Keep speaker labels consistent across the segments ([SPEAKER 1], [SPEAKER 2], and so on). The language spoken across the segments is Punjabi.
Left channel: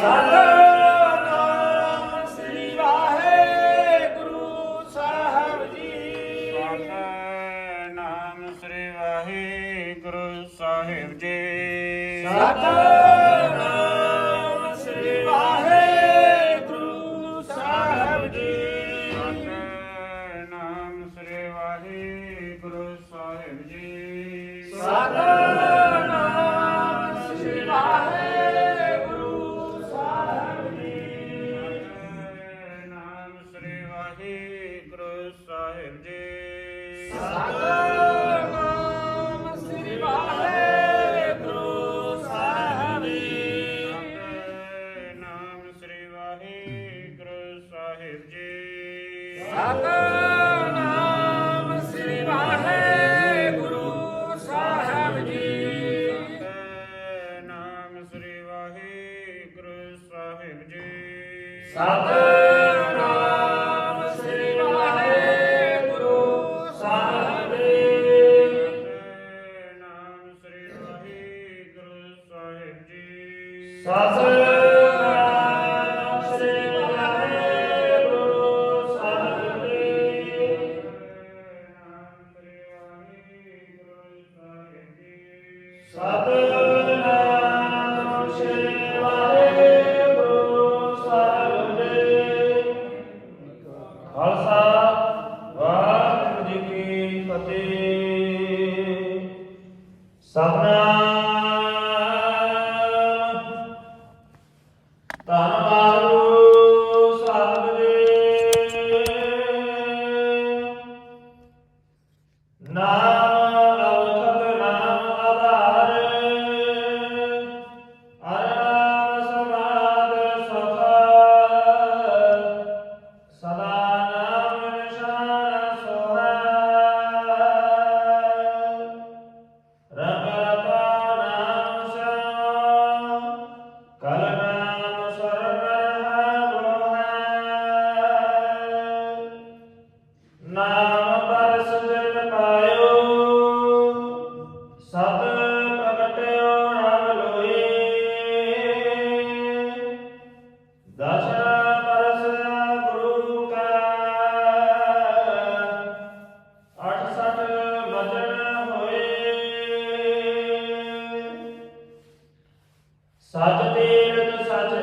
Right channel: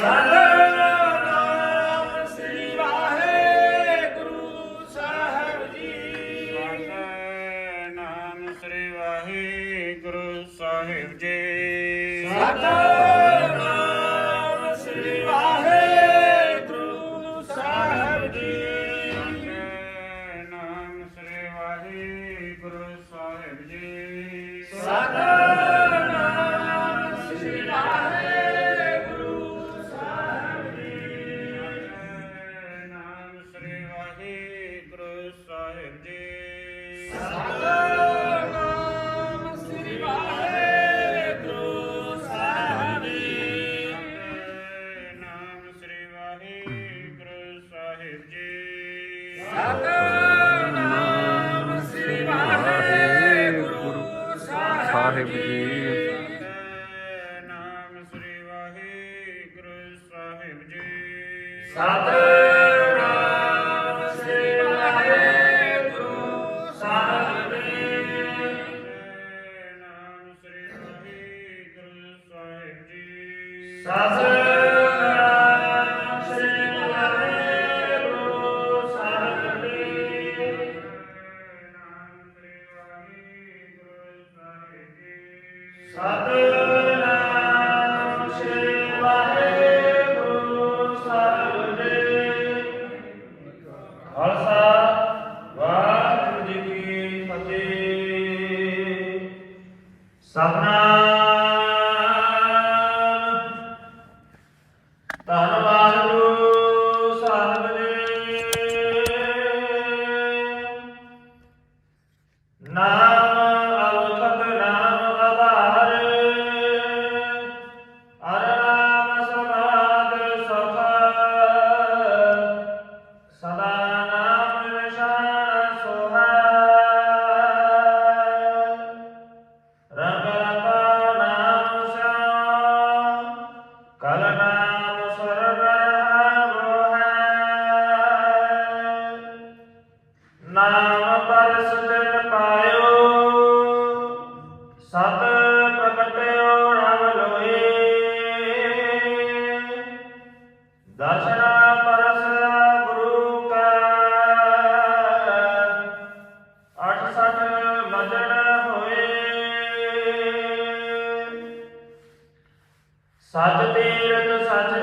[SPEAKER 1] Amen. ਸਚ ਤੀਰਥ ਸਚ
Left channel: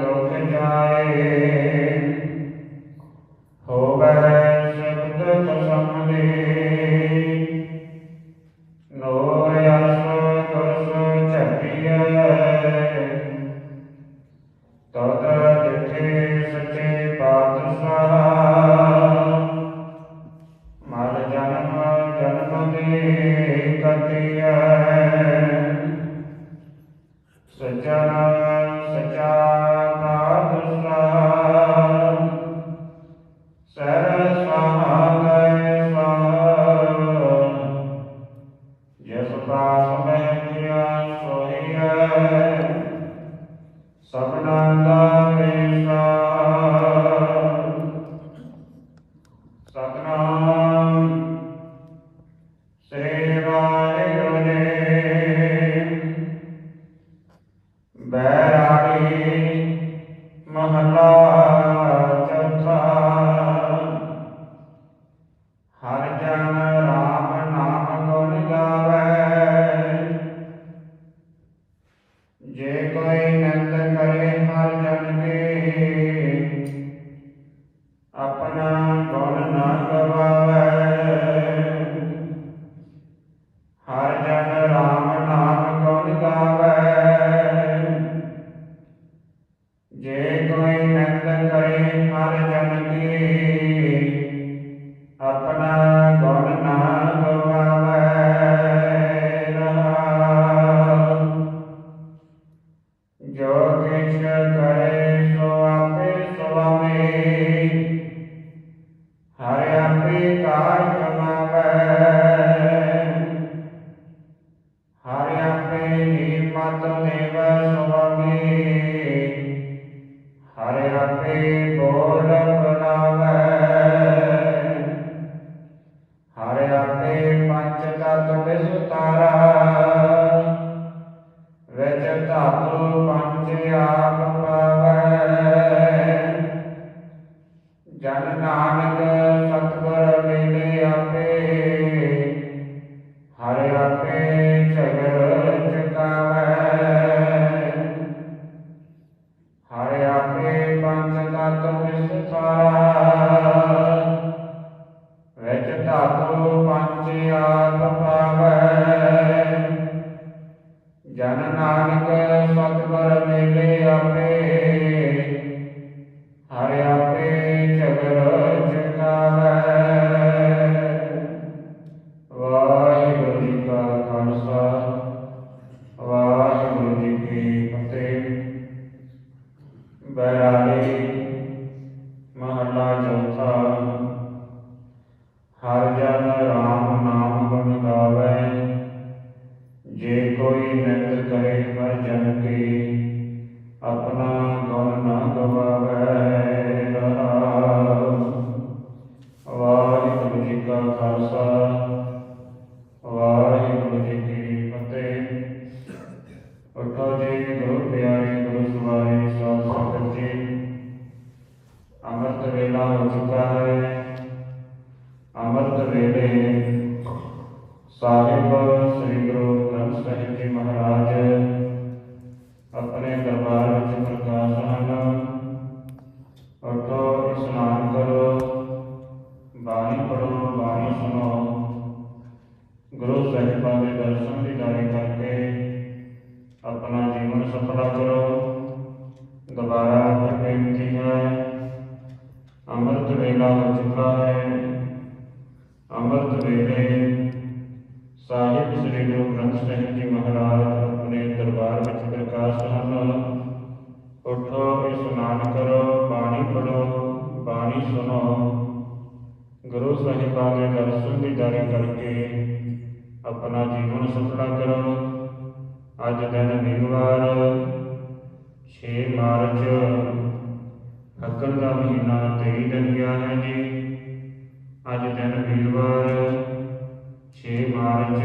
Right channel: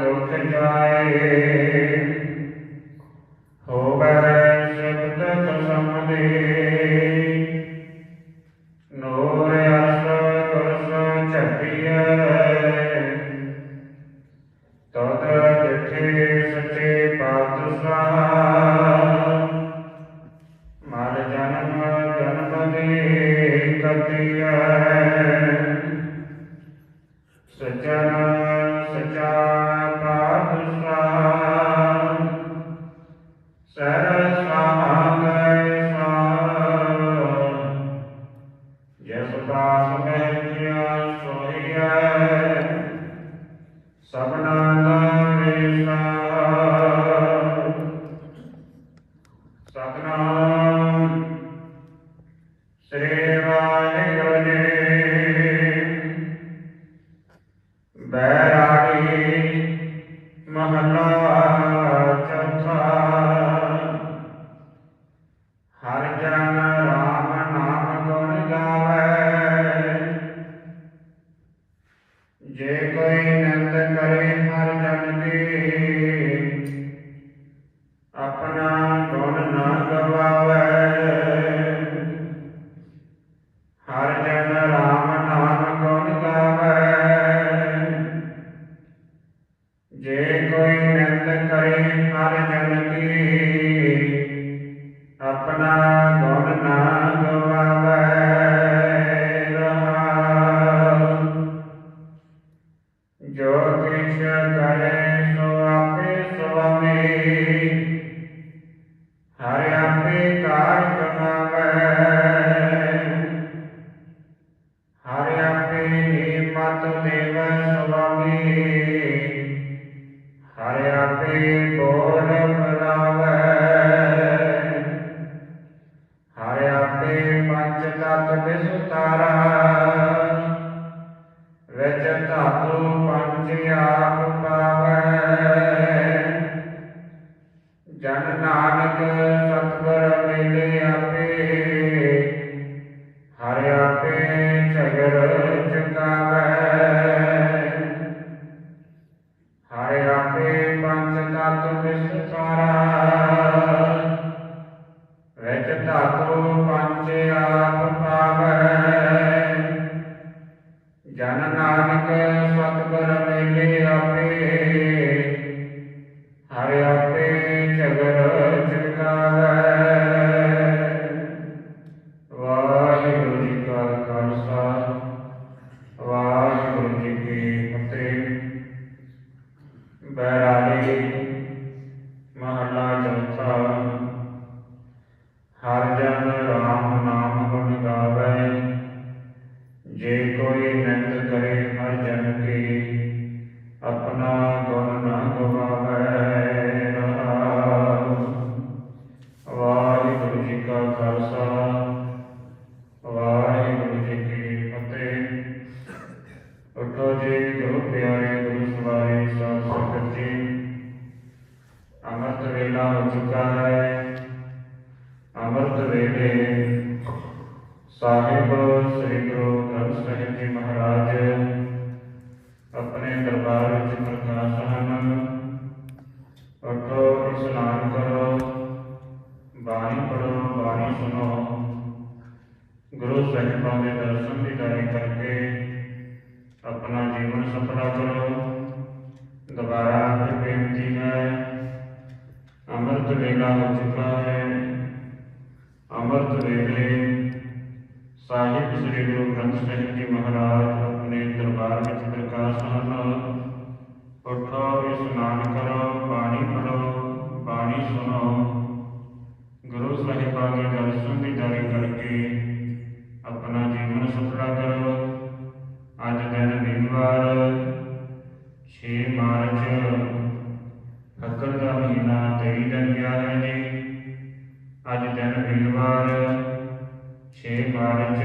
[SPEAKER 1] ਦੁਖ
[SPEAKER 2] ਜਾਏ ਹੋਵੇ ਸਿਫਤ ਕਸਮਦੀ ਨੂਰ ਅਸੋ ਕਸੋ ਛਪੀਐ ਤਦ ਜਿਠੇ ਸਚੇ ਪਾਤਸ਼ਾਹ ਮਰ ਜਨਮ ਜਨਮ ਦੀ ਜੇ ਕੋਈ ਨਿੰਦ ਕਰੇ ਹਰ ਜਨ ਕੀ ਆਪਣਾ ਗੁਣ ਨਾ ਗਵਾਵੇ। ਹਰ ਜਨ ਰਾਮ ਨਾਮ ਗੁਣ ਗਾਵੇ। ਜੇ ਕੋਈ ਨਿੰਦ ਕਰੇ ਹਰ ਜਨ ਕੀ ਆਪਣਾ ਹਰਿ ਵੇਲਾ ਹੋ ਚੁੱਕਾ ਹੈ, ਅੰਮ੍ਰਿਤ ਵੇਲੇ ਸਾਹਿਬ ਸ੍ਰੀ ਗੁਰੂ ਗ੍ਰੰਥ ਸਾਹਿਬ ਜੀ ਮਹਾਰਾਜ ਆਪਣੇ ਦਰਬਾਰ ਵਿੱਚ ਪ੍ਰਕਾਸ਼ ਹਨ ਉਠੋ ਇਸ਼ਨਾਨ ਕਰੋ, ਬਾਣੀ ਪੜੋ ਬਾਣੀ ਸੁਣੋ। ਗੁਰੂ ਸਾਹਿਬਾਂ ਦੇ ਦਰਸ਼ਨ ਦੀਦਾਰੇ ਕਰਕੇ ਆਪਣਾ ਜੀਵਨ ਸਫਲਾ ਕਰੋ। ਅੱਜ ਦਿਨ ਵੀਰਵਾਰ 6 ਮਾਰਚ ਮੱਕਰ ਦਾ ਮਹੀਨਾ 23 ਦਿਨ ਗਿਆ ਹੈ ਜੀ। ਅੱਜ ਦਿਨ ਵੀਰਵਾਰ 6 ਮਾਰਚ